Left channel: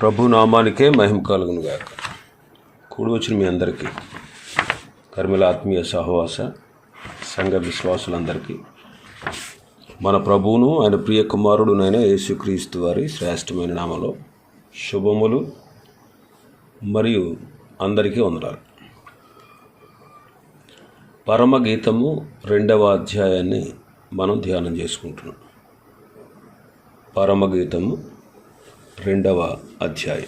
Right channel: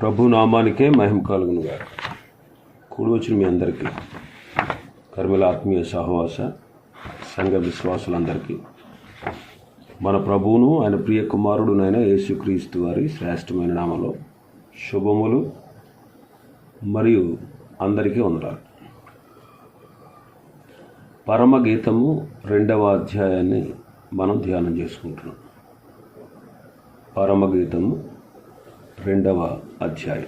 ప్రభు నామానికే మహిమ కలుగును గాక. కూడి వచ్చిన మీ అందరికీ కర్మిల ఆత్మీయ సహవాస సంఘ విశ్వాసులందరికీ మన ప్రభువును ఆయన ప్రియ కుమారుడునైన యేసుక్రీస్తు వారి శ్రేష్టమైన నామలో శుభములు మరియు అందరికీ వందనాలు. పరమగీతము రెండవ అధ్యాయాన్ని మనం ధ్యానం చేసుకుంటున్నాం. పరమగీతము రెండవ అధ్యాయం.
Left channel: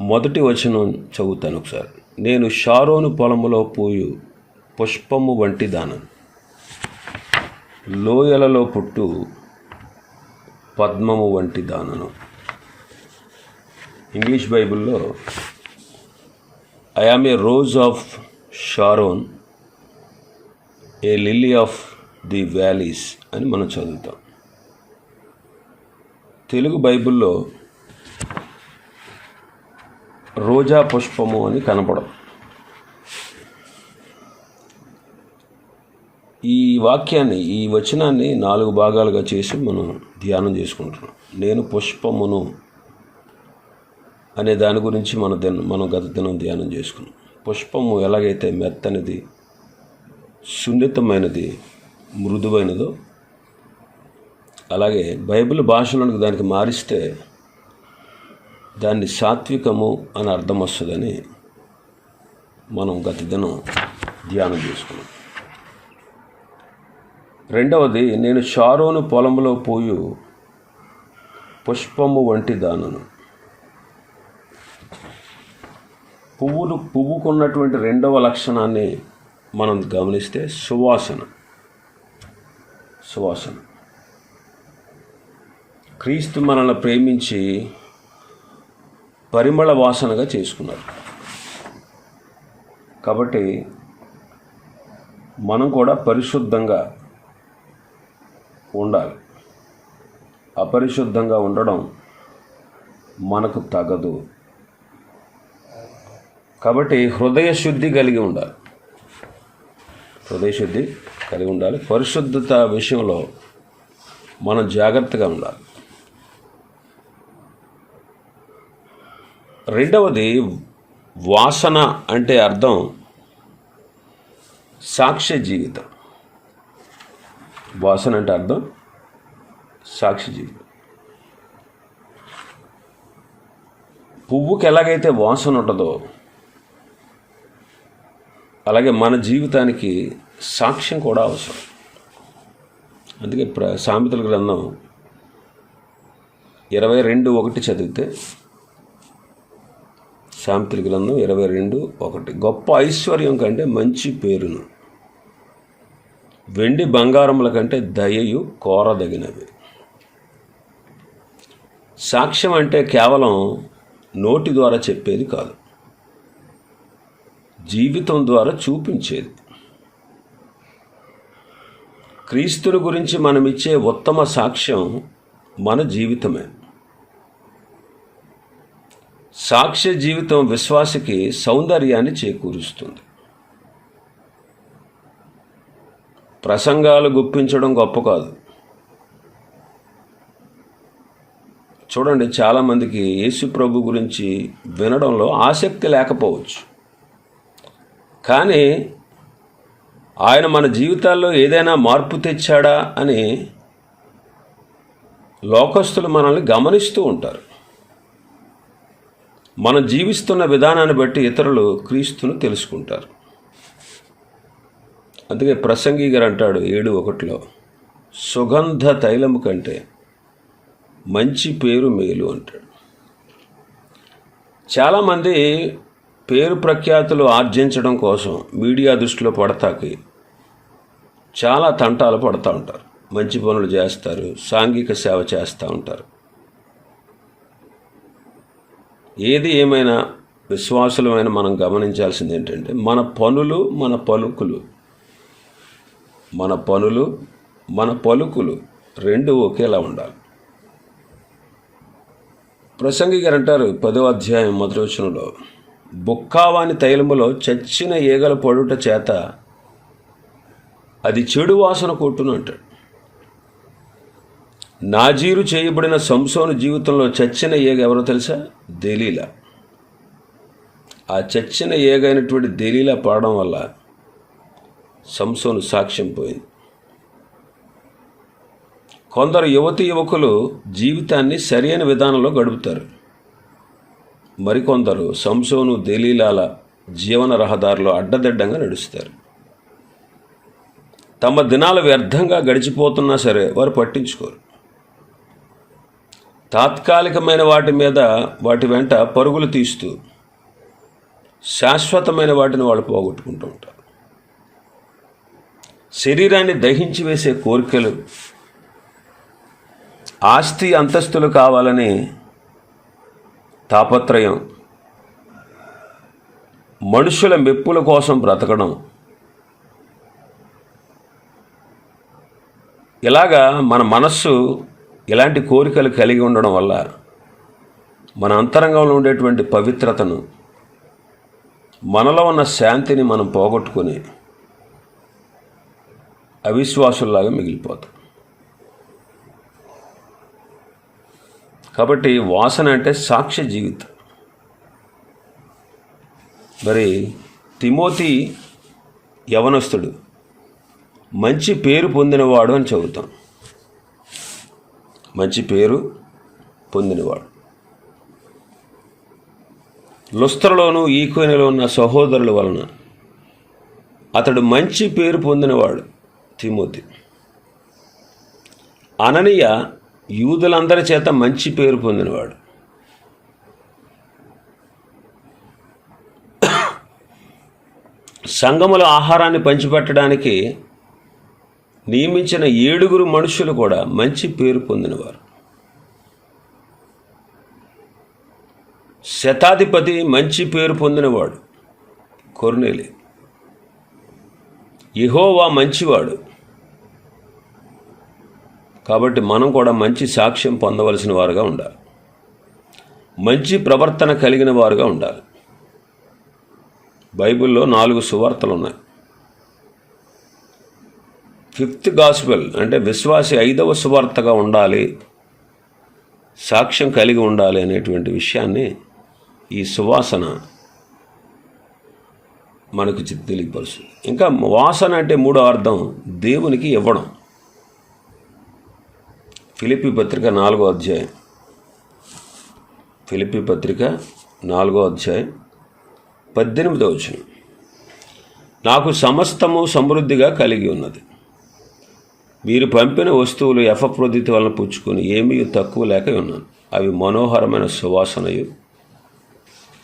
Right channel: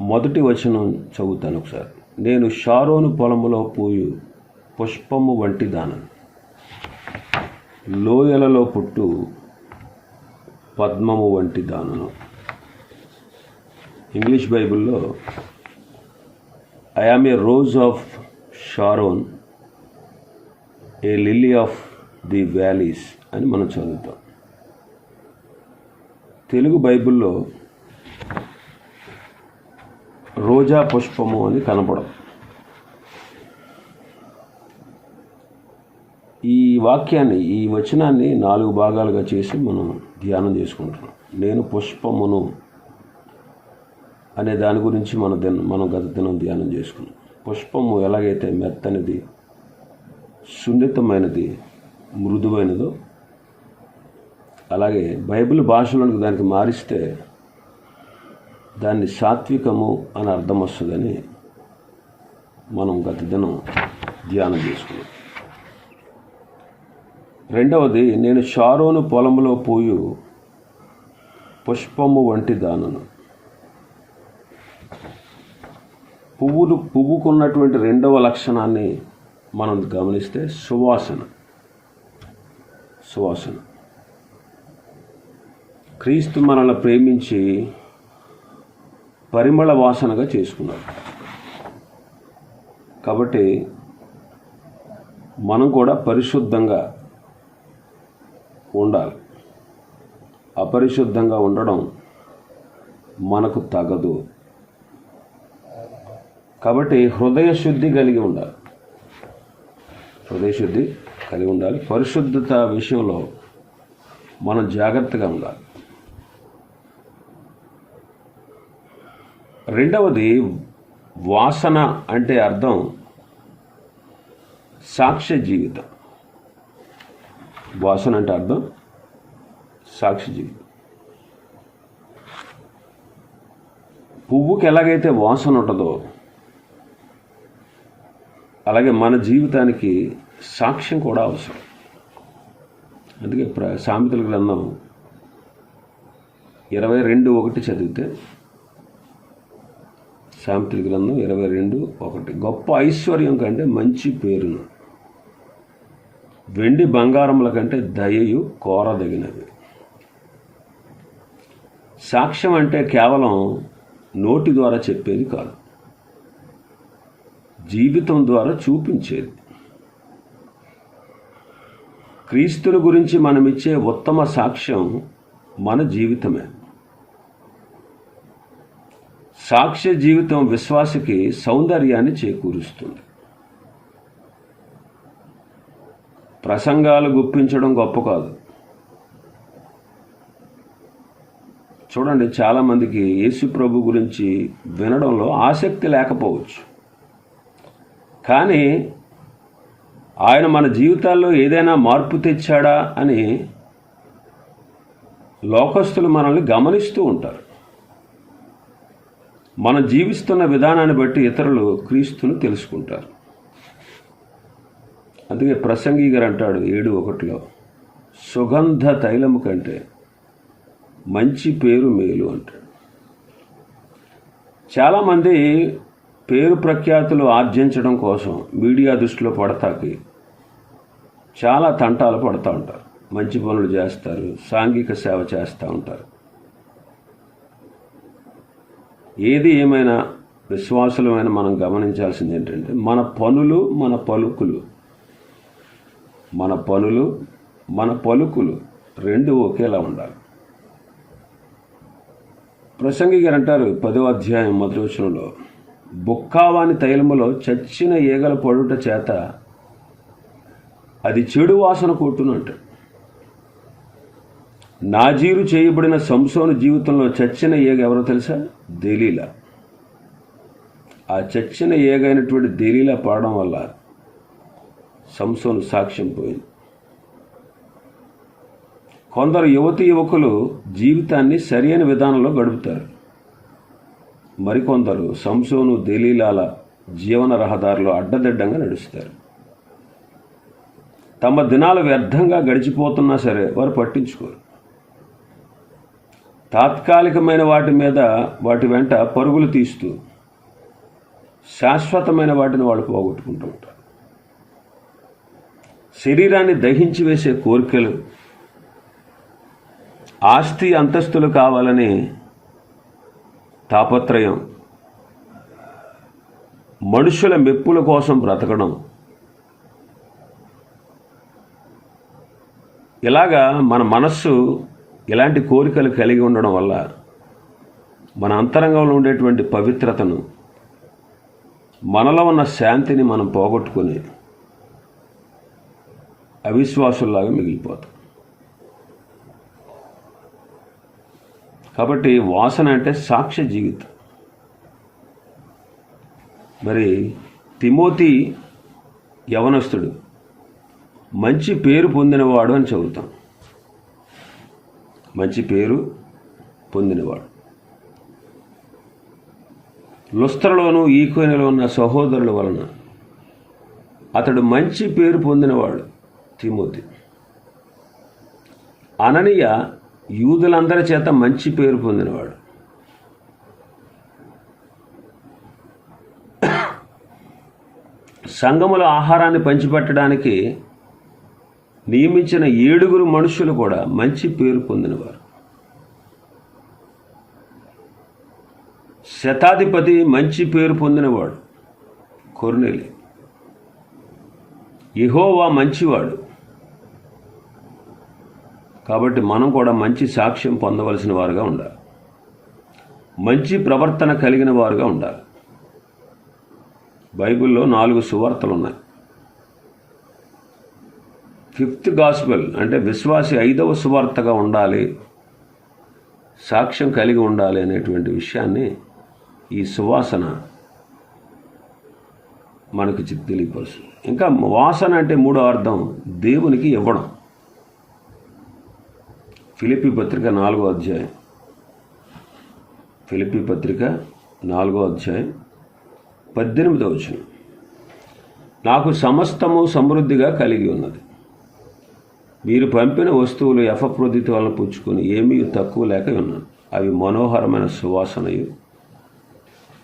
మొదటి వచనం చదువుతాను ఒకసారి. నేను షారోను పొలములో పూయు పుష్పము వంటి దానను లోయలలో పుట్టు పద్మము వంటి దానను. ఇంగ్లీష్ బైబిల్లో I am a rose of Sharon a lily of the valleys అని మనం చదువుతాం. తెలుగు బైబిల్లో రోజా పుష్పము అని కనపడం ఈ వాక్యాన్ని ఈ వచనాన్ని నాలుగు భాగాలుగా చేసి మనం ధ్యానం చేసుకుంటున్నాం. నేను పుష్పమును అనే దాని గురించి మన దిన మనం గత దినం ధ్యానం చేసుకున్నాం. పుష్పము ఎలాగైతే మెత్తనిది సున్నితమైనది మృదువైనదో అలాగే బైబిల్ భాషను దానికి మారిస్తే దాన్ని సాత్వికము అని అర్థం వస్తుందని మనం గత దినం ధ్యానం చేసుకున్నాం. రెండవది నేను షారోను పొలంలో పోయి పుష్పము వంటి దానను. పువ్వులు పువ్వుకున్నటువంటి రెండవ లక్షణాన్ని మనం గమనిస్తే సువాసన. సువాసన. క్రీస్తు మనల్ని ప్రేమించి పరిమళ వాసనగా చేసుకున్నారు కాబట్టి మనం కూడా పరిశుద్ధంగా ఉండాలి. అపరిశుద్ధంగా ఉండడం మనకు తగదు. కాబట్టి హృదయ శుద్ధి కలిగి ఉండాలి. హృదయ శుద్ధి కలిగి ఉండాలి. పరిశుద్ధత విషయంలో మనం జాగ్రత్తగా ఉండాలి. రెండవది వాసన అంటే అర్థం సాక్ష్య జీవితం. వాసన అంటే అర్థం సాక్షి జీవితం. పువ్వుకి ఎలాగైతే వాసన ఉంటుందో అలాగే మన జీవితానికి సాక్ష్యం కూడా అవసరం. అందుకే ప్ర సామెతల గ్రంథం ఇరవై రెండు ఒకటి చదివితే సామెతల గ్రంథం ఇరవై రెండు ఒకటి. గొప్ప ఐశ్వర్యం కంటే మంచి పేరును. వెండి బంగారముల కంటే దయయు కోరదగినవి. సాక్ష్యం అంటే కేవలం నోటి ద్వారా చెప్పేది కాదు. జీవితం ద్వారా చూపించేది. క్రీస్తుని గురించి మనమిచ్చే ఉత్తమ సాక్ష్యం మన జీవితమే. సాక్ష్య జీవితం విశ్వాసకి సౌందర్యాన్ని చేకూరుస్తుంది. ప్రసంగాలు గుప్పించడం గొప్ప కాదు. చూడండి చాలామందికి యేసు ప్రభు గురించి వినడంలో ఆసక్తి లేకపోవచ్చు. కానీ ఆయన మన జీవితాల్లో ఏదైనా మార్పు తెచ్చాడా అని లోకస్తులు మనల్ని గమనిస్తూ ఉంటారు. మనం జీవిస్తున్న విధానాన్ని బట్టి ఇతరులు క్రీస్తును తెలుసుకుంటారు. అందుకే ప్రసంగి గారు అంటాడు ఏడు ఒకటిలో సుగంధ తైలము కంటే మంచి పేరు మేలు అంటాడు. చాలామంది పేరు ప్రఖ్యాతులు ఆర్జించడం కోసం మీడియా దృష్టిలో పడతాకి చాలా తంటాలు పడుతూ ఉంటారు. మంచి పనులు చేస్తారు సాంఘిక సేవ చేస్తూ ఉంటారు. ఏది ఏమైనా విశ్వాసులమైన మనం గమనించాల్సింది ఏంటంటే మన పనులు మన పలుకులు. మన పనులు మన పలుకులు రెండు ఒకేలా ఉండాలి. ప్రసంగి గారు అంటారు పదో అధ్యాయం మొదటి వచనంలో బుక్కావాని తైలములో చచ్చిన ఈగల పడుట చేత అది చెడు వాసన కొట్టును అంటాడు నాజీరు చేయబడిన సంసోను జీవితంలో చచ్చిన ఏగ ఎవరో తెలుసా? దెలీలా. ఆ చచ్చిన ఏగైనటువంటి దెలీలా పాడడం వల్ల సంసోను సాక్ష్యం పోయింది. కొందరు యువతి యువకులు జీవితాన్ని సరైన విధానంలో గడుపుతారు. మరికొందరు సంసోను దేలీలాల జీవన రహదారిలో అడ్డదిడ్డంగా నడుస్తారు. తమ దినాలు వ్యర్థంగా గడిచిపోతున్నా సరే వారు పట్టించుకోరు. తాత్కాలికమైన వాటి మీద వాటి వెంట పరుగులు తీస్తూ శాశ్వతమైన వాటిని వాళ్ళు పోగొట్టుకుంటూ ఉంటారు. శరీరాన్ని దహించి వేసే కోరికలు ఆస్తి అంతస్తులు కావాలని తాపత్రయం మనుషుల మెప్పుల కోసం బ్రతకడం ఇలాగా మన మనస్సు ఇలాంటి కోరికలు కలిగి ఉండడం వల్ల మన అంతరంగంలో ఉండేటువంటి పవిత్రతను మనలో ఉన్న శాంతిని మనం పోగొట్టుకునే అవిశ్వాసుల్లాగా మిగిలిపోతాం. కాబట్టి వాసన అంటే సాక్ష్య జీవితం. మరి తిమోతి యవనస్తుడు మంచి పేరు పొందినవాడు అని చెబుతాం. మంచి పేరు పొందినవాడు. లుస్త్రలోను ఈకోనిలో ఉన్న సహోదరుల వలన అతడు మంచి పేరు పొందినవాడు తిమోతి. అననీయ యూదులందరి చేత మంచి పేరు పొందినవాడు. సంఘముల ఆహారాన్ని పంచిపెట్టడానికి నియమించిన ఏడుగురు మనుషులు కూడా మంచి పేరు పొందినవారు. శతాధిపతి మంచి పేరు పొందినవాడు కొర్నేలి. ఇహోవా మంచివాడు. కాబట్టి మనం కూడా మంచి సాక్ష్యం పొందవలసిన వారుగా ఉండాలి. మంచి ప్రవర్తన కలిగిన వారుగా ఉండాలి. బైబిల్లో నాలుగు సువార్తలు ఉన్నాయి ఫిఫ్త్ గాస్పెల్ అంటే విశ్వాసి ఐదవ సువార్తగా ఉండాలి సాక్ష్యం కలిగి ఉండాలి అనేటువంటి విషయాన్ని ఈ సువాసన మనకు చి- తెలియపరుస్తుంది. ఇంకా వాసన అంటే మూడో అర్థం దేవునికి ఇవ్వడం. ఫిలిపి పత్రిక నాలుగో అధ్యాయం. ఫిలిపి పత్రిక నాలుగో అధ్యాయం పద్దెనిమిదో వచనం. నాకు సమస్తము సమృద్ధిగా కలిగి ఉన్నది. మీరు పంపిన వస్తువులు ఎఫప్రొద్దితి వలన పుచ్చుకొని ఏమీ తక్కువ లేక ఉన్నాను. అవి మనోహరమైన సువాసనయు.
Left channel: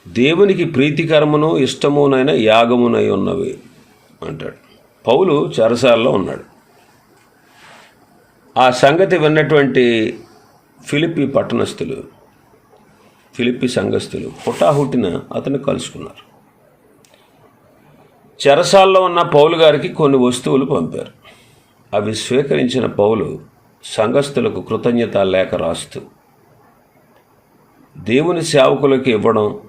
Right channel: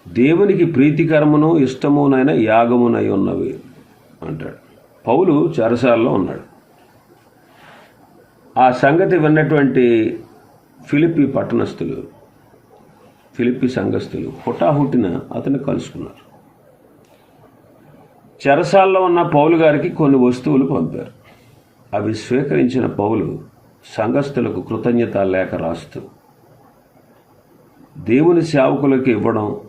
దేవునికి ప్రీతికరమును ఇష్టమునైన యాగమునై ఉన్నవి అంటాడు. పౌలు చెరసాలలో ఉన్నాడు. ఆ సంగతి విన్నటువంటి ఫిలిపి పట్టణస్థులు ఫిలిపి సంఘస్థులు హుటాహుటిన అతను కలుసుకున్నారు. చెరసాల్లో ఉన్న పౌలు గారికి కొన్ని వస్తువులు పంపారు. అవి స్వీకరించిన పౌలు సంఘస్థులకు కృతజ్ఞత లేఖ రాస్తూ దేవుని సేవకులకు ఇవ్వడం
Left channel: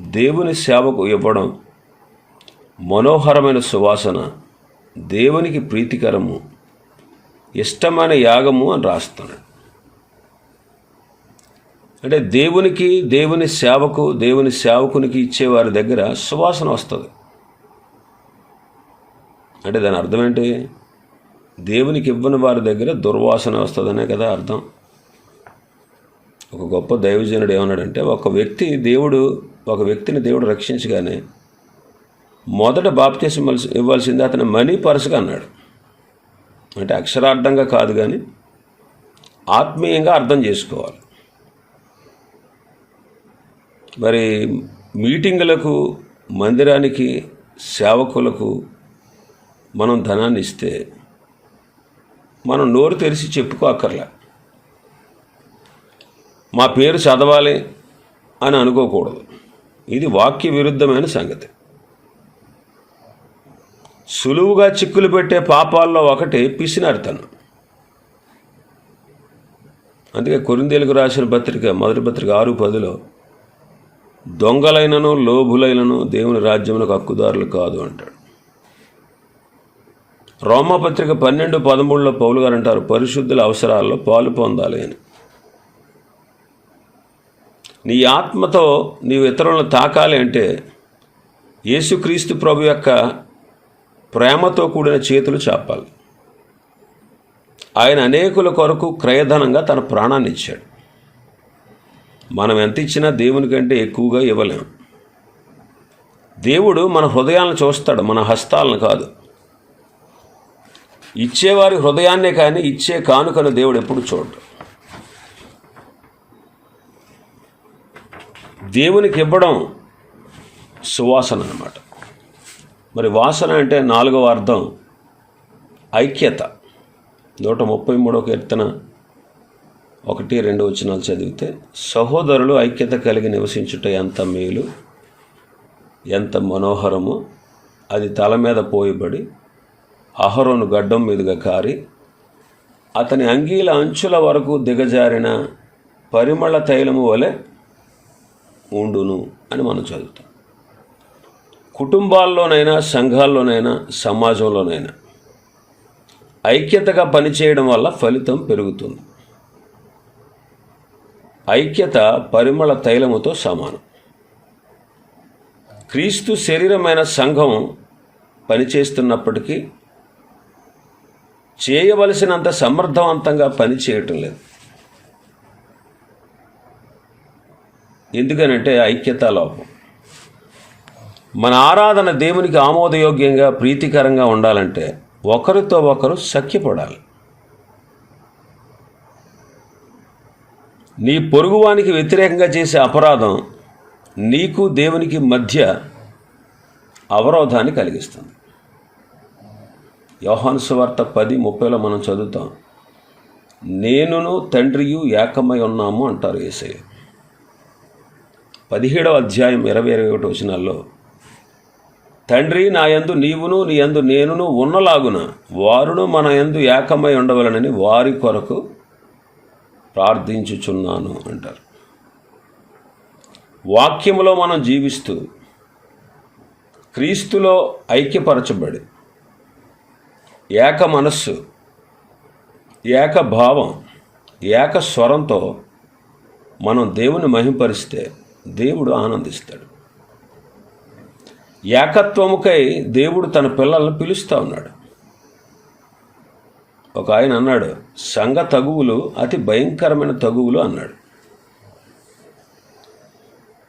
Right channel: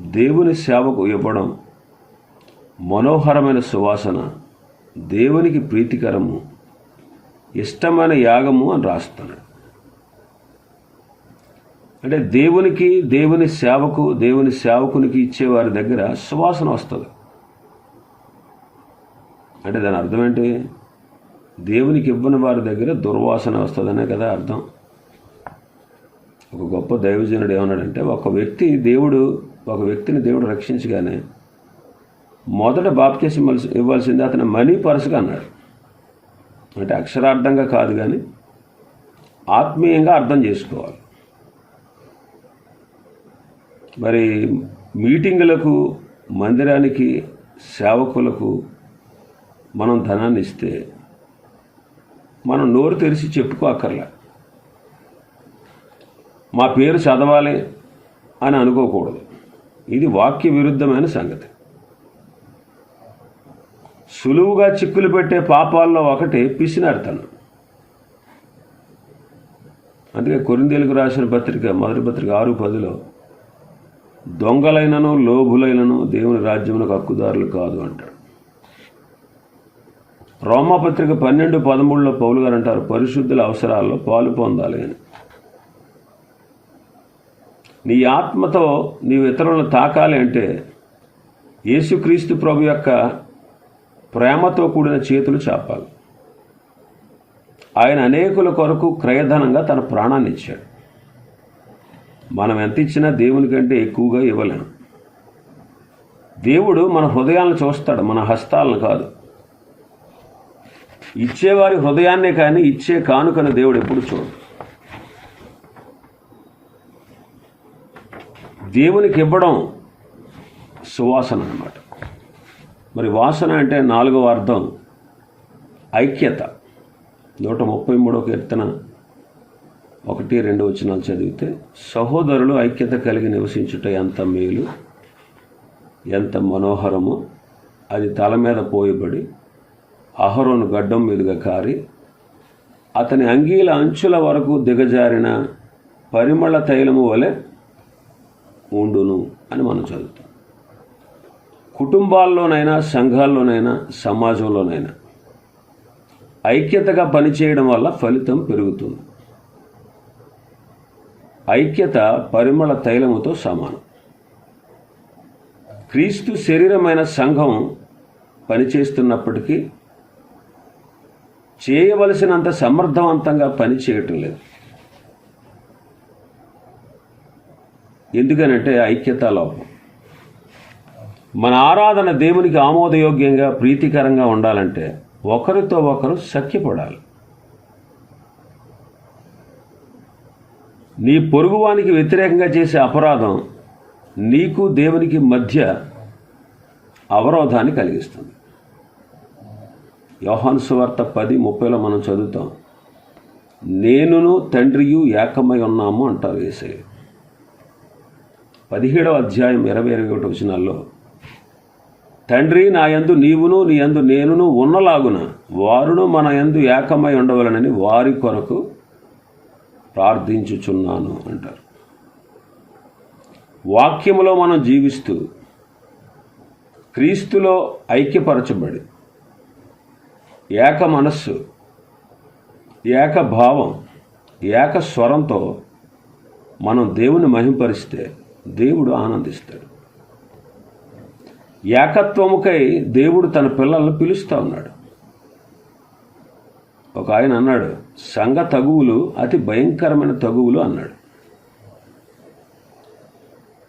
దేవుని సేవకు ఇవ్వడం మనోహరమైన సువాసన దేవునికి ప్రీతికరము ఇష్టమైన యాగము అని రాస్తున్నాడు అంటే దేవునికి దేవుని సేవకు దేవుని సేవకునికి ఇచ్చేవారి దగ్గర సువాసన వస్తుంది. అంటే దాని అర్థం ఏంటి? దేవునికి ఇవ్వని వారి దగ్గర దుర్వాసన వస్తుందనే కదా అర్థం. ఒక గొప్ప దైవజనుడు ఏమన్నాడంటే ఒక వ్యక్తి దేవుడు ఒక వ్యక్తిని దేవుడు రక్షించగానే మొదట బాప్తీసం ఇవ్వాల్సింది అతని మనీ పర్సుగా అన్నాడు. అంటే అక్షరార్థంగా కాదు కానీ ఆత్మీయంగా అర్థం చేసుకోవాలి. మరి మీటింగులకు మందిరానికి సేవకులకు మనం ధనాన్ని ఇస్తే మనం నోరు తెరిచి చెప్పుకోక్కర్లే మా పేరు చదవాలి అని అనుకోకూడదు. ఇది వాక్య విరుద్ధమైన సంగతి. సులువుగా చిక్కులు పెట్టే పాపాల్లో ఒకటి పిసినారితనం. అందుకే కొరిందేలకు రాసిన పత్రిక మొదటి పత్రిక ఆరు పదిలో దొంగలైనను లోభులైనను దేవుని రాజ్యములకు హక్కుదారులు కాదు అంటాడు. రోమాపత్రిక పన్నెండు పదమూడులో పౌలు గారు అంటారు పరిశుద్ధుల అవసరాల్లో పాలు పొందాలి అని. నీ ఆత్మతో నీవు ఇతరులను తాకాలి అంటే యేసుక్రీస్తు ప్రభు యొక్క ప్రేమతో కూడిన చేతులు చాపాలి. ఆయన అనేకుల కొరకు క్రయధనంగా తన ప్రాణాన్ని ఇచ్చాడు. మనం ఎంత ఇచ్చినా దేవుని కంటే ఎక్కువగా ఇవ్వలేం. దేవుడు మన హృదయాలను చూస్తాడు మన హస్తాలను కాదు. ఇచ్చేవారి హృదయాన్నే కానీ ఇచ్చే కానుకను దేవుడు ఎప్పుడు చూడడు. దేవునికి ఇవ్వడం సువాసన అనమాట మరి వాసన అంటే నాలుగవ అర్థం ఐక్యత. నూట ముప్పై మూడో కీర్తన ఒకటి రెండు వచనాలు చదివితే సహోదరులు ఐక్యత కలిగి నివసించుట ఎంత మేలు ఎంత మనోహరమో అది తల మీద పోయబడి అహరోను గడ్డం మీదుగా కారి అతని అంగీల అంచుల వరకు దిగజారిన పరిమళ తైలము వలె ఉండును అని మనం చదువుతాం. కుటుంబాల్లోనైనా సంఘాల్లోనైనా సమాజంలోనైనా ఐక్యతగా పనిచేయడం వల్ల ఫలితం పెరుగుతుంది. ఐక్యత పరిమళ తైలముతో సమానం. క్రీస్తు శరీరమైన సంఘం పనిచేస్తున్నప్పటికీ చేయవలసినంత సమర్థవంతంగా పని చేయటం లేదు. ఎందుకనంటే ఐక్యత లోపం. మన ఆరాధన దేవునికి ఆమోదయోగ్యంగా ప్రీతికరంగా ఉండాలంటే ఒకరితో ఒకరు సఖ్యపడాలి. నీ పొరుగువానికి వ్యతిరేకంగా చేసే అపరాధం నీకు దేవునికి మధ్య అవరోధాన్ని కలిగిస్తుంది. యోహాన్ సువార్త పది ముప్పైలో మనం చదువుతాం. నేనును తండ్రియు ఏకమై ఉన్నాము అంటారు ఏసయ్య. పదిహేడవ అధ్యాయం ఇరవై ఇరవై ఒకటి వచనాల్లో తండ్రి నా యందు నీవును నీ యందు నేనును ఉన్నలాగున వారును మన యందు ఏకమై ఉండవలనని వారి కొరకు ప్రార్థించుచున్నాను అంటారు. వాక్యములో మనం జీవిస్తూ క్రీస్తులో ఐక్యపరచబడి ఏక మనస్సు ఏక భావం ఏక స్వరంతో మనం దేవుని మహింపరిస్తే దేవుడు ఆనందిస్తాడు. ఏకత్వముకై దేవుడు తన పిల్లలను పిలుస్తూ ఉన్నాడు. ఒక ఆయన అన్నాడు సంఘ తగువులు అతి భయంకరమైన తగువులు అన్నాడు.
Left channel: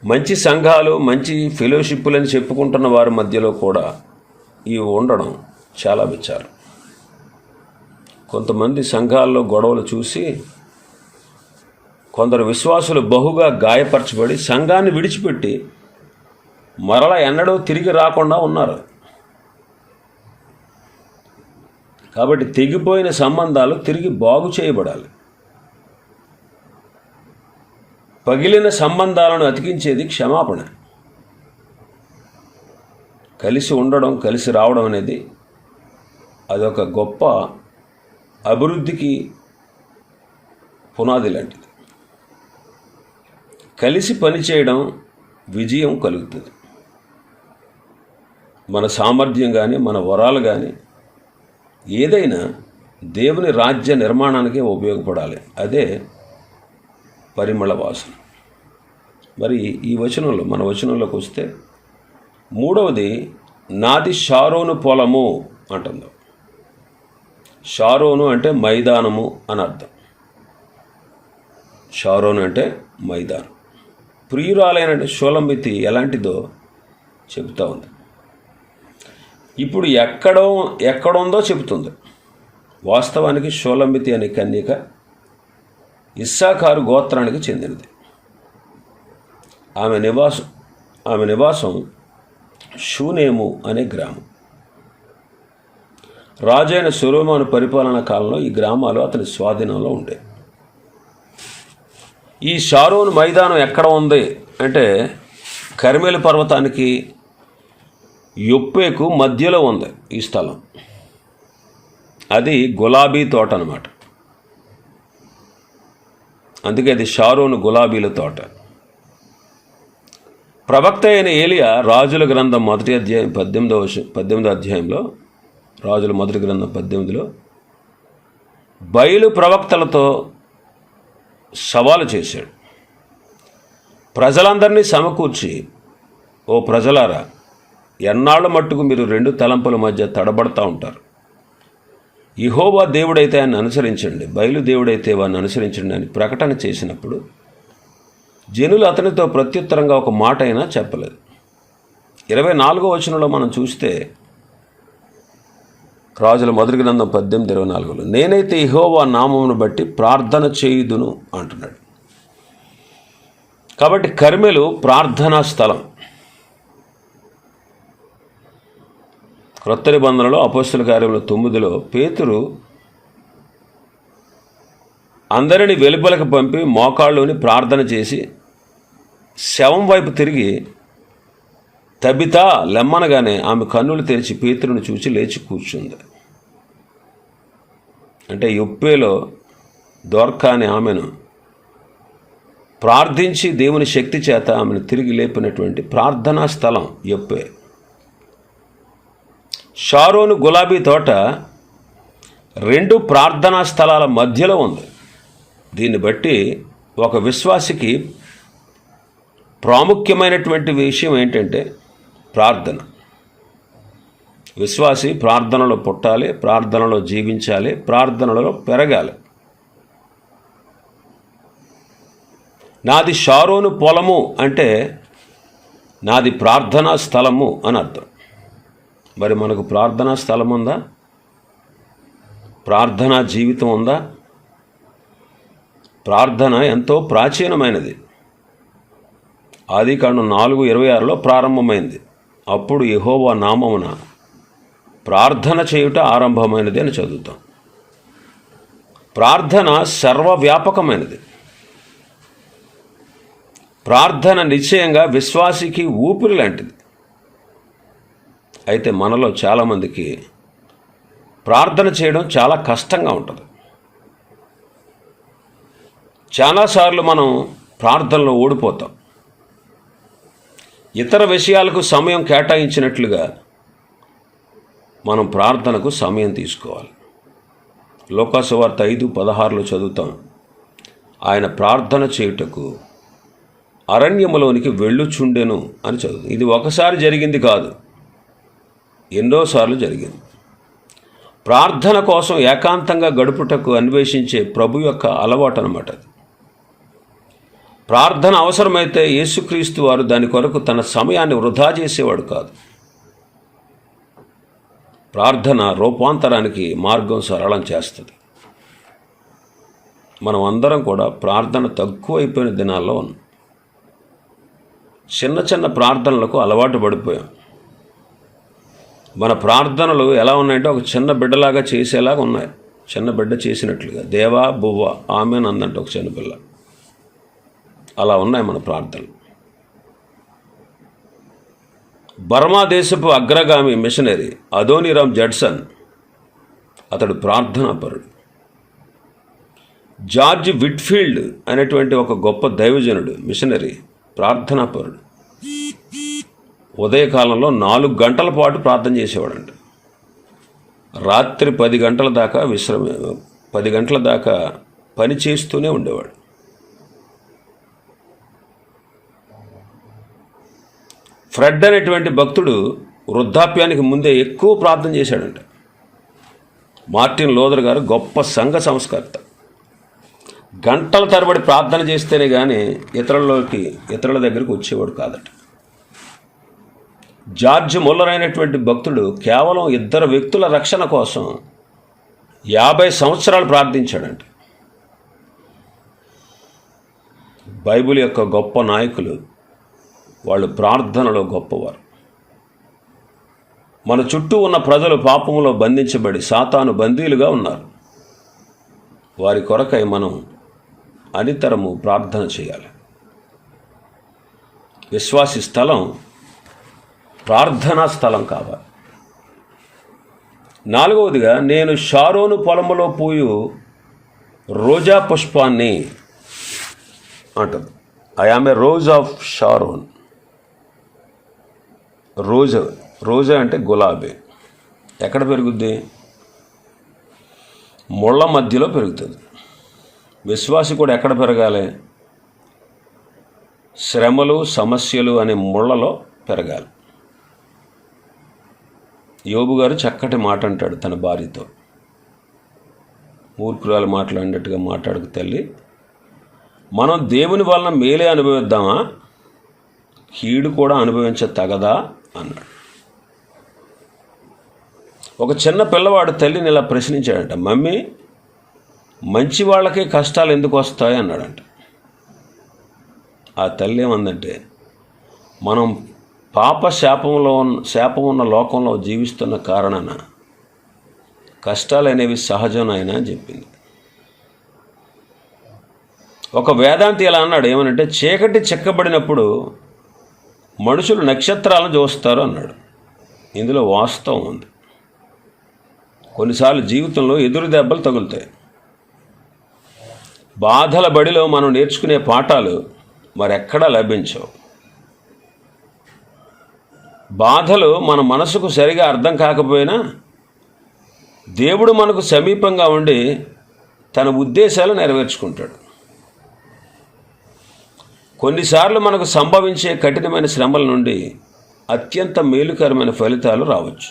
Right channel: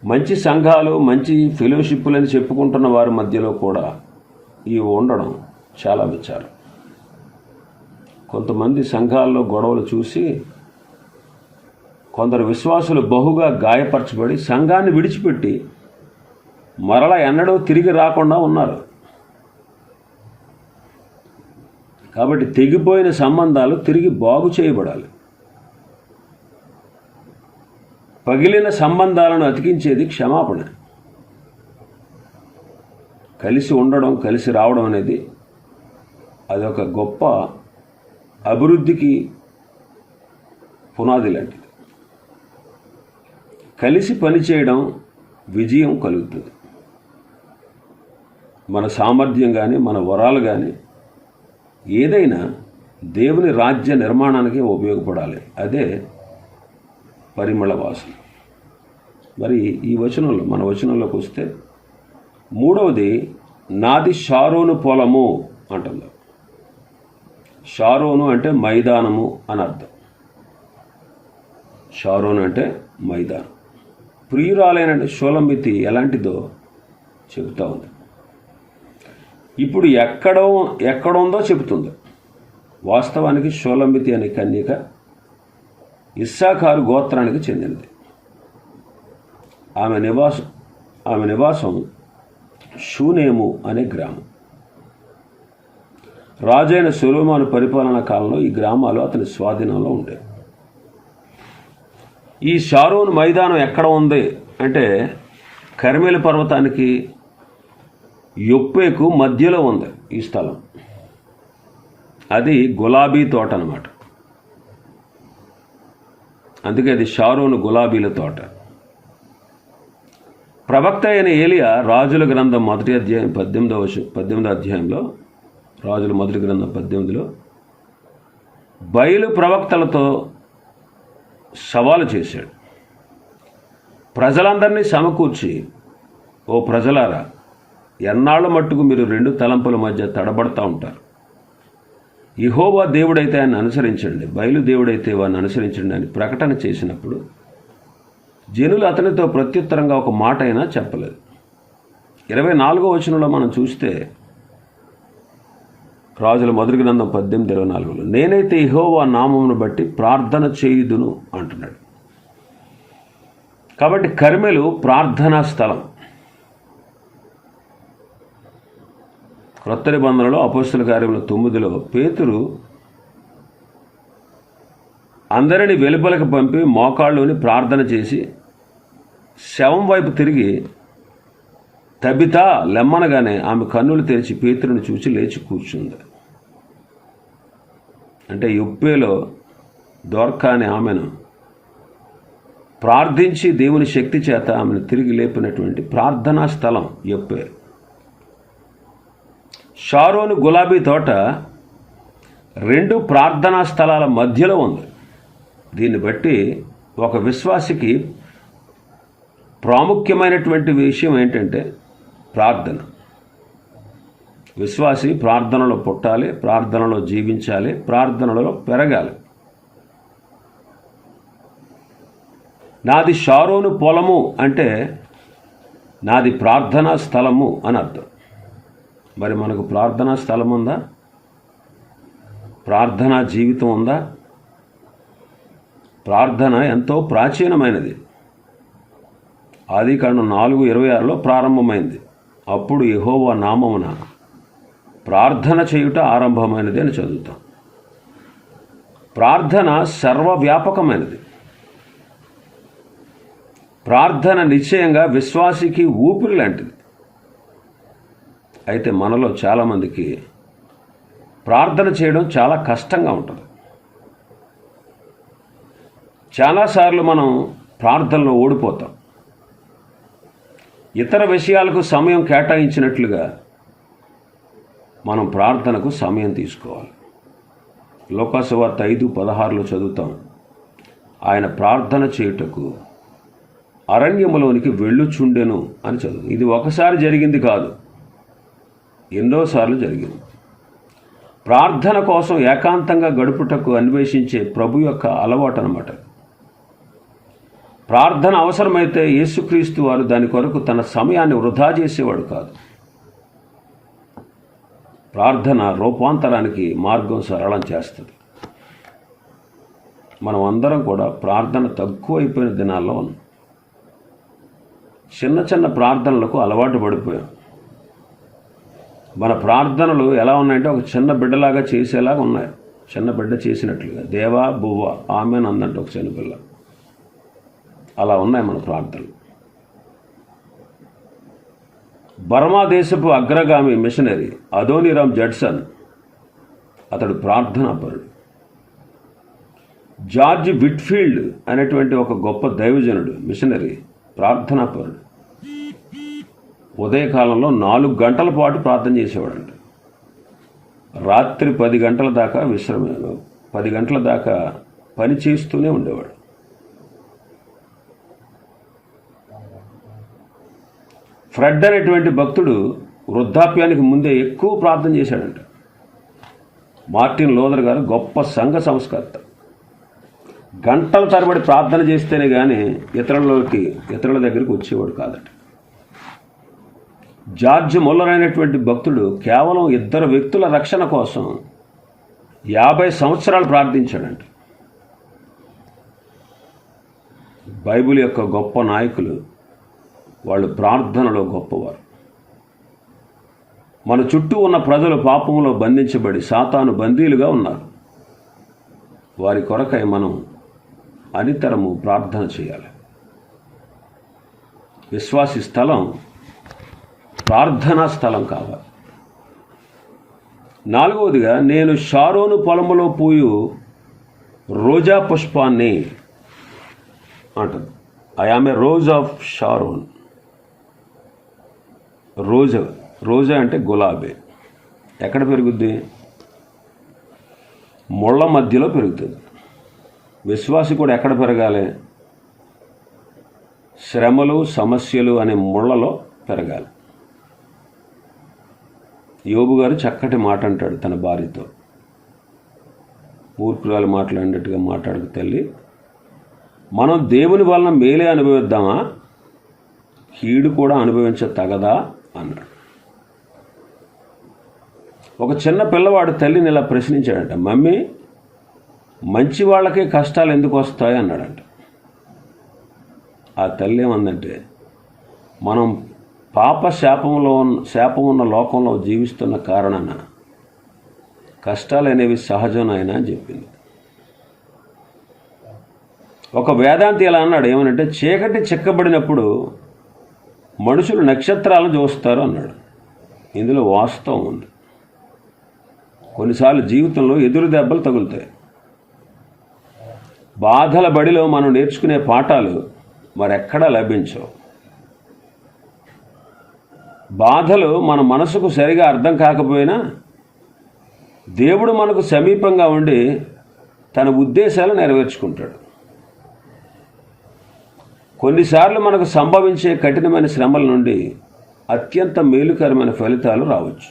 మంచి సంఘాలు మంచి ఫెలోషిప్పులని చెప్పుకుంటున్న వారి మధ్యలో కూడా ఇవి ఉండడం చాలా విచారం. కొంతమంది సంఘాల్లో గొడవలు చూసి కొందరు విశ్వాసులు బహుగా గాయపరచబడి సంఘాన్ని విడిచిపెట్టి మరల ఎన్నడూ తిరిగి రాకుండా ఉన్నారు. కాబట్టి తెగిపోయిన సంబంధాలు తిరిగి బాగు చేయబడాలి. పగిలిన సంబంధాలను అతికించేది క్షమాపణ. కలిసి ఉండడం కలిసి రావడం అనేది అదొక గొప్ప అభివృద్ధికి పునాది లాంటిది. కలిసి పనిచేయడం విజయం కలుగుతుంది. మన సామర్థ్యం కానీ మన వరాలు కానీ ఏదైనా దేవుని రాజ్య నిర్మాణానికి ఉపయోగపడాలి. అదే పరిమళ వాసన. మరి ఈ వచనంలో మన వచనంలోకి వస్తే మూడవది నాది షారోను పొలము అంటుంది. షారోను అంటే మైదానము అని అర్థం. షారోను అంటే మైదానం. ప్రియురాలైన షోలంబితి ఎలాంటిదో చెబుతూ ఉంది. ఇప్పుడు ఎక్కడో ఎక్కడుందో చెబుతుంది. వాస్తవానికి షోలంబితి అనే కన్యక ఇస్సాకారు గోత్రానికి చెందినది. ఆమె నివాసం ఆమె నివాసం షూనేము అనే గ్రామం. రాజైన సులోమాను పరిపాలన కాలంలో ఈ గ్రామాలు అతని స్వాధీనంలో ఉండే. ఈ షారోన్ మైదానం ఎక్కడ ఉంది అంటే కర్మేలు పర్వతానికి యొప్పేకు మధ్యలో ఉంది ఈ స్థలం. అది గులాబీ తోట అనమాట అందుకే అది షారోను గులాబీల తోట. ప్రవక్త అయిన ఏలియా రాజుల గ్రంథం మొదటి అధ్యాయం పద్దెనిమిదవ పద్దెనిమిదో అధ్యాయంలో రాజుల మొదటి గ్రంథం పద్దెనిమిదిలో బయలు ప్రవక్తలతో సవాలు చేశాడు. ప్రజలందరినీ సమకూర్చి ఓ ప్రజలారా ఎన్నాళ్ళ మట్టుకు మీరు రెండు తలంపుల మధ్య తడబడతా ఉంటారు? ఇహోవా దేవుడైతే ఆయన అనుసరించండి బయలు దేవుడైతే వాడిని అనుసరించండి అని ప్రకటన చేసినప్పుడు జనులు అతనితో ప్రత్యుత్తరంగా ఒక మాట అయినా చెప్పలేదు. ఇరవై నాలుగో వచనంలో మనం చూస్తే రాజుల మొదటి గ్రంథం పద్దెనిమిది ఇరవై నాలుగులో నేనైతే ఇహోవా నామమును బట్టి ప్రార్థన చేయుదును అంటున్నాడు. కాబట్టి కర్మెలు ప్రార్థనా స్థలం. క్రొత్త నిబంధనలో అపోస్తుల కార్యంలో తొమ్మిదిలో పేతురు అందరిని వెలుపలకు పంపి మోకాళ్ళలోని ప్రార్థన చేసి శవం వైపు తిరిగి తబితా లెమ్మనగానే ఆమె కన్నులు తెరిచి పేతురుని చూసి లేచి కూర్చుంది. అంటే యొప్పేలో దోర్కా అనే ఆమెను ప్రార్థించి దేవుని శక్తి చేత ఆమెను తిరిగి లేపినటువంటి ప్రార్థనా స్థలం యొప్పే. షారోను గులాబీ తోట రెండు ప్రార్థనా స్థలాల మధ్యలో ఉంది. దీన్ని బట్టి ఒక విశ్వాసికి ప్రాముఖ్యమైనటువంటి విషయం ఏంటంటే ప్రార్థన. విశ్వాసి ప్రార్థనలో పుట్టాలి ప్రార్థనలో జీవించాలి ప్రార్థనలో పెరగాలి. నాది షారోను పొలము అంటే నాది ప్రార్థనా స్థలము అని అర్థం. మరి మనకు ప్రార్థనా స్థలం ఉందా? ప్రార్థనా జీవితం ఉందా? ప్రార్థన ఎంతో ప్రాచీనమైనది. ఆదికాండం నాలుగు ఇరవై ఆరులో ప్రారంభమైంది. అప్పుడు యెహోవా నామమున ప్రార్థన చేయుట ఆరంభమైనది అని చదువుతాం. ప్రార్థన సర్వవ్యాపకమైనది. ప్రార్థన నిశ్చయంగా విశ్వాసికి ఊపిరి లాంటిది. అయితే మనలో చాలామందికి ప్రార్థన చేయడం చాలా కష్టంగా ఉంటుంది. చాలాసార్లు మనం ప్రార్థనలో ఓడిపోతాం. ఇతర విషయాలకు సమయం కేటాయించినట్లుగా మనం ప్రార్థనకు సమయం తీసుకోవాలి. లోకాసువార్త ఐదు పదహారులో చదువుతాం. ఆయన ప్రార్థన చేయుటకు అరణ్యములోనికి వెళ్ళుచుండెను అని చదువు ఇది ఒకసారి జరిగింది కాదు. ఎన్నోసార్లు జరిగింది. ప్రార్థన కోసం ఏకాంతంగా గడుపుటకు అన్వేషించే ప్రభు యొక్క అలవాటు అనమాట ప్రార్థన అవసరమైతే యేసుక్రీస్తు వారు దాని కొరకు తన సమయాన్ని వృధా చేసేవాడు కాదు. ప్రార్థన రూపాంతరానికి మార్గం సరళం చేస్తుంది. మనం అందరం కూడా ప్రార్థన తక్కువైపోయిన దినాల్లో ఉన్నాం. చిన్న చిన్న ప్రార్థనలకు అలవాటు పడిపోయాం. మన ప్రార్థనలు ఎలా ఉన్నాయంటే ఒక చిన్న బిడ్డలాగా చేసేలాగా ఉన్నాయి. చిన్న బిడ్డ చేసినట్లుగా. దేవా బువ్వ ఆమె అందంటే ఒక చిన్న పిల్ల అలా ఉన్నాయి మన ప్రార్థనలు. బర్మా దేశపు అగ్రగామి మిషనరీ అదోనిరామ్ జడ్సన్ అతడు ప్రార్థనాపరుడు జార్జ్ విట్ఫీల్డ్ అనేటువంటి ఒక గొప్ప దైవజనుడు మిషనరీ ప్రార్థనాపరుడు ఉదయకాలంలో నాలుగు గంటల పాటు ప్రార్థన చేసేవాడంట. రాత్రి పది గంటల దాకా విశ్రమ పది గంటల దాకా పని చేస్తూనే ఉండేవాడు. ఫ్రెడ్ అనేటువంటి భక్తుడు వృద్ధాప్యానికి ముందే ఎక్కువ ప్రార్థన చేశాడంట. మార్టిన్ లోదర్ గారు గొప్ప సంఘ సంస్కర్త. గంటల తరబడి ప్రార్థన చేస్తేనే కానీ ఇతరులలోకి ఇతరుల దగ్గరికి వచ్చేవాడు కాదట. జార్జ్ ముల్లర్ అయినటువంటి భక్తుడు కేవలం ఇద్దరు వ్యక్తుల రక్షణ కోసం యాభై సంవత్సరాలు ప్రార్థించాడంట. బైబిల్ యొక్క గొప్ప నాయకులు వాళ్ళు ప్రార్థనలో గొప్పవారు. మన చుట్టూ ఉన్న ప్రజలు పాపంలో బంధించబడి సాతాను బందీలుగా ఉన్నారు. వారి కొరకై మనం అనితరము ప్రార్థన చేయాలి. విశ్వాసి స్థలం ప్రార్థనా స్థలం కావాలి. నాలుగవదిగా నేను షారోను పొలములో పోయు రోజా పుష్పాన్ని అంటుంది. I am a rose of Sharon రోజా రోజా అంటే గులాబీ. ఎక్కడ పెరుగుద్ది? ముళ్ళ మధ్యలో పెరుగుతుంది. విశ్వాసి కూడా ఎక్కడ పెరగాలి? శ్రమలు సమస్యలు అనే ముళ్ళలో పెరగాలి. యోబు గారు చక్కటి మాట అంటాడు తన భార్యతో. మూర్ఖురాలు మాట్లాడినట్టుగా మాట్లాడుకు తల్లి మనం దేవుని వలన మేలే అనుభవిద్దామా? కీడు కూడా అనుభవించ తగదా? అన్నాడు ఒక చిన్న పిల్లవాడు తల్లిని ఇలా ప్రశ్నించాడంట మమ్మీ మంచి వాళ్ళకే కష్టాలు ఎందుకు వస్తాయి? అన్నాడంట. ఆ తల్లి ఏమందంటే మనం పాప శాపంలో ఉన్న శాపం ఉన్న లోకంలో జీవిస్తున్న కారణాన కష్టాలు అనేవి సహజం అయినా అని చెప్పింది. ఒక వేదాంతి ఇలా అన్నాడు ఏమనంటే చీకటి చిక్కబడినప్పుడు మనుషులు నక్షత్రాలను చూస్తారు అన్నాడు. ఇందులో వాస్తవం ఉంది. కొన్నిసార్లు జీవితంలో ఎదురు దెబ్బలు తగులుతాయి. బాధల బడిలో మనం నేర్చుకునే పాఠాలు మరెక్కడా లభించవు. బాధలు మన మనసుకు సరిగా అర్థం కాకపోయినా దేవుడు మనకు సమీపంగా ఉండి తన ఉద్దేశాలు నెరవేర్చుకుంటాడు. కొన్నిసార్లు మనకు సంభవించే కఠినమైన శ్రమల నుండి అత్యంత మేలుకరమైన ఫలితాలు రావచ్చు.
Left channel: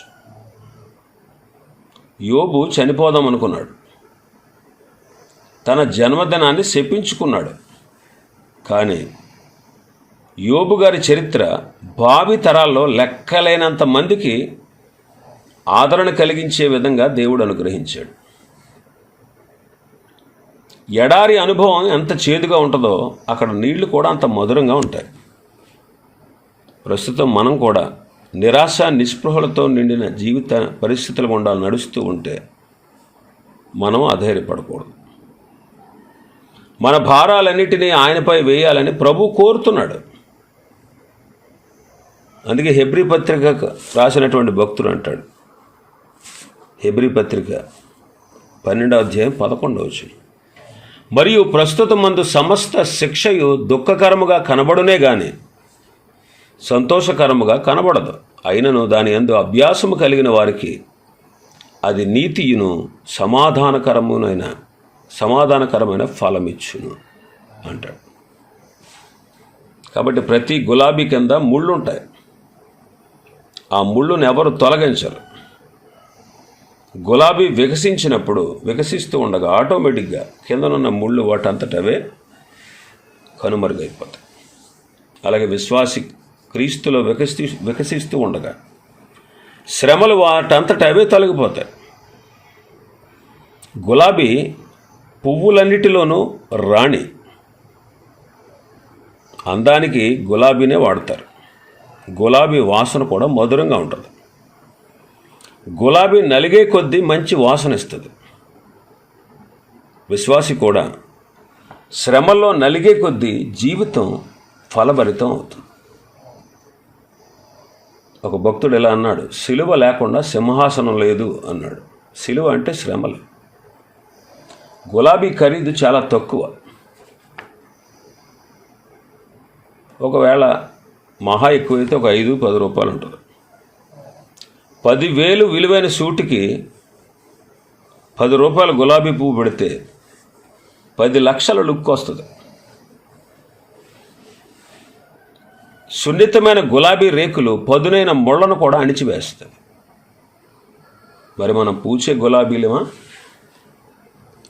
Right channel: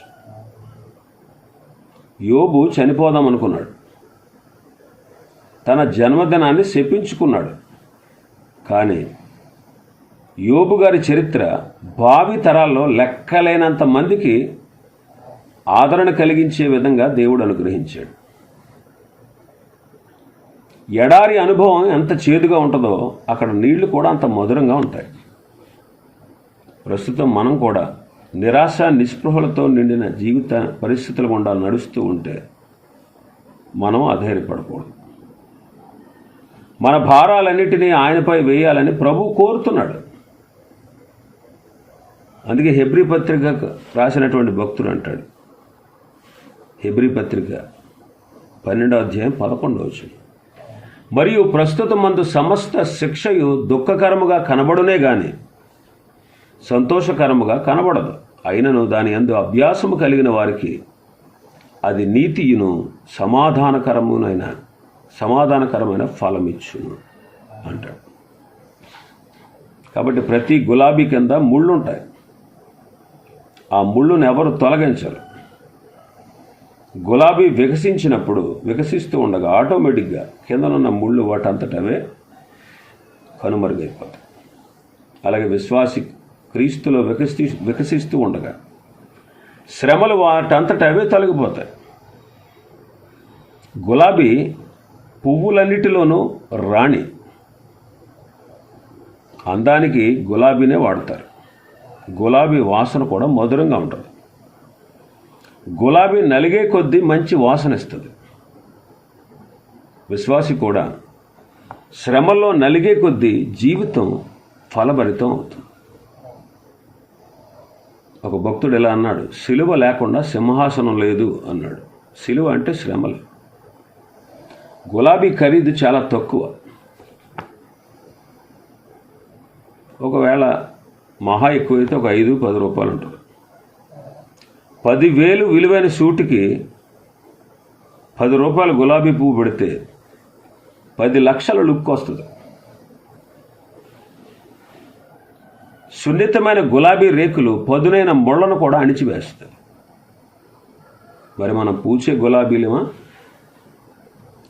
యోబు చనిపోదాం అనుకున్నాడు తన జన్మదినాన్ని శపించుకున్నాడు. కానీ యోబు గారి చరిత్ర భావి తరాల్లో లెక్కలేనంత మందికి ఆదరణ కలిగించే విధంగా దేవుడు అనుగ్రహించాడు. ఎడారి అనుభవం ఎంత చేదుగా ఉంటుందో అక్కడ నీళ్ళు కూడా అంత మధురంగా ఉంటాయి. ప్రస్తుతం మనం కూడా నిరాశ నిస్పృహలతో నిండిన జీవిత పరిస్థితులు గుండా నడుస్తూ ఉంటే మనం అధైర్యపడకూడదు. మన భారాలన్నిటినీ ఆయనపై వేయాలని ప్రభు కోరుతున్నాడు. అందుకే హెబ్రి పత్రిక రాసినటువంటి భక్తుడు అంటాడు. హెబ్రి పత్రిక పన్నెండో అధ్యాయం పదకొండవ వచనం. మరియు ప్రస్తుతం మందు సమస్త శిక్షయు దుఃఖకరముగా కనబడునే గాని సంతోషకరముగా కనబడదు. అయినను దాని ఎందు అభ్యాసము కలిగిన వారికి అది నీతియును సమాధానకరమునైన సమాధానకరమైన ఫలమిచ్చును అంటాడు. కాబట్టి ప్రతి గులాబీ కింద ముళ్ళు ఉంటాయి ఆ ముళ్ళును ఎవరు తొలగించరు. గులాబీ వికసించినప్పుడు వికసిస్తూ ఉండగా ఆటోమేటిక్గా కిందనున్న ముళ్ళు వాటంతటవే కనుమరుగైపోతాయి. అలాగే విశ్వాసి క్రీస్తులో వికసి వికసిస్తూ ఉండగా శ్రమలు వాటంతట అవే తొలగిపోతాయి. గులాబీ పువ్వులన్నిటిలోనూ రాణి. అందానికి గులాబీనే వాడతారు. గులాబీ వాసన కూడా మధురంగా ఉంటుంది. గులాబీ నలిగే కొద్దీ మంచి వాసన ఇస్తుంది విశ్వాసి కూడా శ్రమల్లో నలిగే కొద్దీ జీవితం ఫలభరితం అవుతుంది. ఒక భక్తుడు ఎలా అన్నాడు సిలువ లేకుండా సింహాసనం లేదు అన్నాడు. సిలువ అంటే శ్రమలు గులాబీ ఖరీదు చాలా తక్కువ. ఒకవేళ మహా ఎక్కువైతే ఒక ఐదు పది రూపాయలు ఉంటుంది. పదివేలు విలువైన సూటికి పది రూపాయల గులాబీ పువ్వు పెడితే పది లక్షల లుక్ వస్తుంది. సున్నితమైన గులాబీ రేకులు పదునైన ముళ్ళను కూడా అణిచివేస్తాయి. మరి మనం పూచే గులాబీలమా?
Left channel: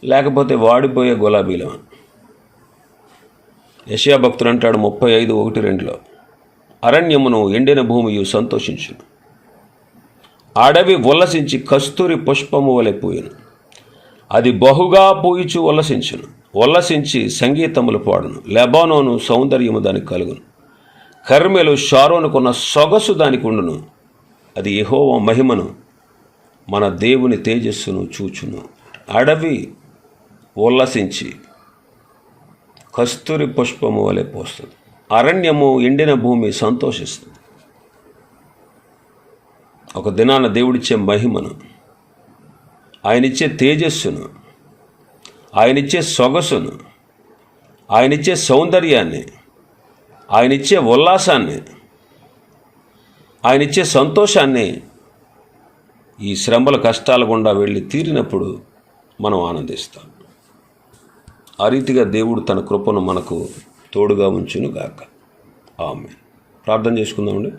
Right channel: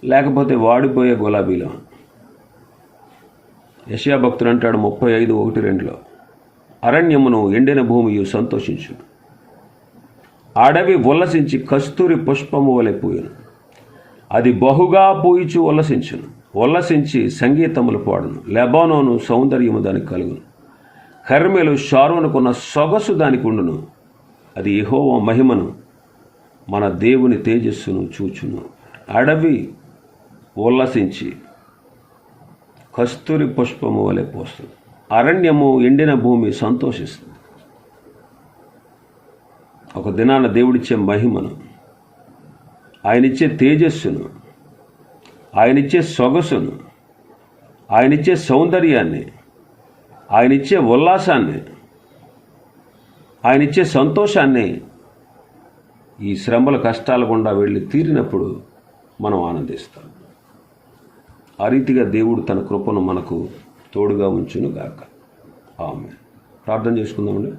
లేకపోతే వాడిపోయే గులాబీలమా? యశయా భక్తుడు అంటాడు ముప్పై ఐదు ఒకటి రెండులో అరణ్యమును ఎండిన భూమియు సంతోషించును. అడవి ఉల్లసించి కస్తూరి పుష్పము వలె పూయను. అది బహుగా పూయిచు ఉల్లసించును ఉల్లసించి సంగీతములు పాడును. లెబానోను సౌందర్యము దానికి కలుగును. కర్మెలు షారోనుకున్న సొగసు దానికి ఉండును. అది యహోవ మహిమను మన దేవుని తేజస్సును చూచును. అడవి ఉల్లసించి కస్తూరి పుష్పము వలె పోస్తుంది. అరణ్యము ఎండిన భూమి సంతోషిస్తుంది. ఒక దినాన దేవుడిచ్చే మహిమను ఆయనిచ్చే తేజస్సును ఆయనిచ్చే సొగసును ఆయనిచ్చే సౌందర్యాన్ని ఆయనిచ్చే ఉల్లాసాన్ని ఆయనిచ్చే సంతోషాన్ని ఈ శ్రమల కష్టాల గుండా వెళ్ళి తీరినప్పుడు మనం ఆనందిస్తాం. ఆ రీతిగా దేవుడు తన కృపను మనకు తోడుగా ఉంచును గాక ఆమె ప్రార్థన చేసుకుందామండి.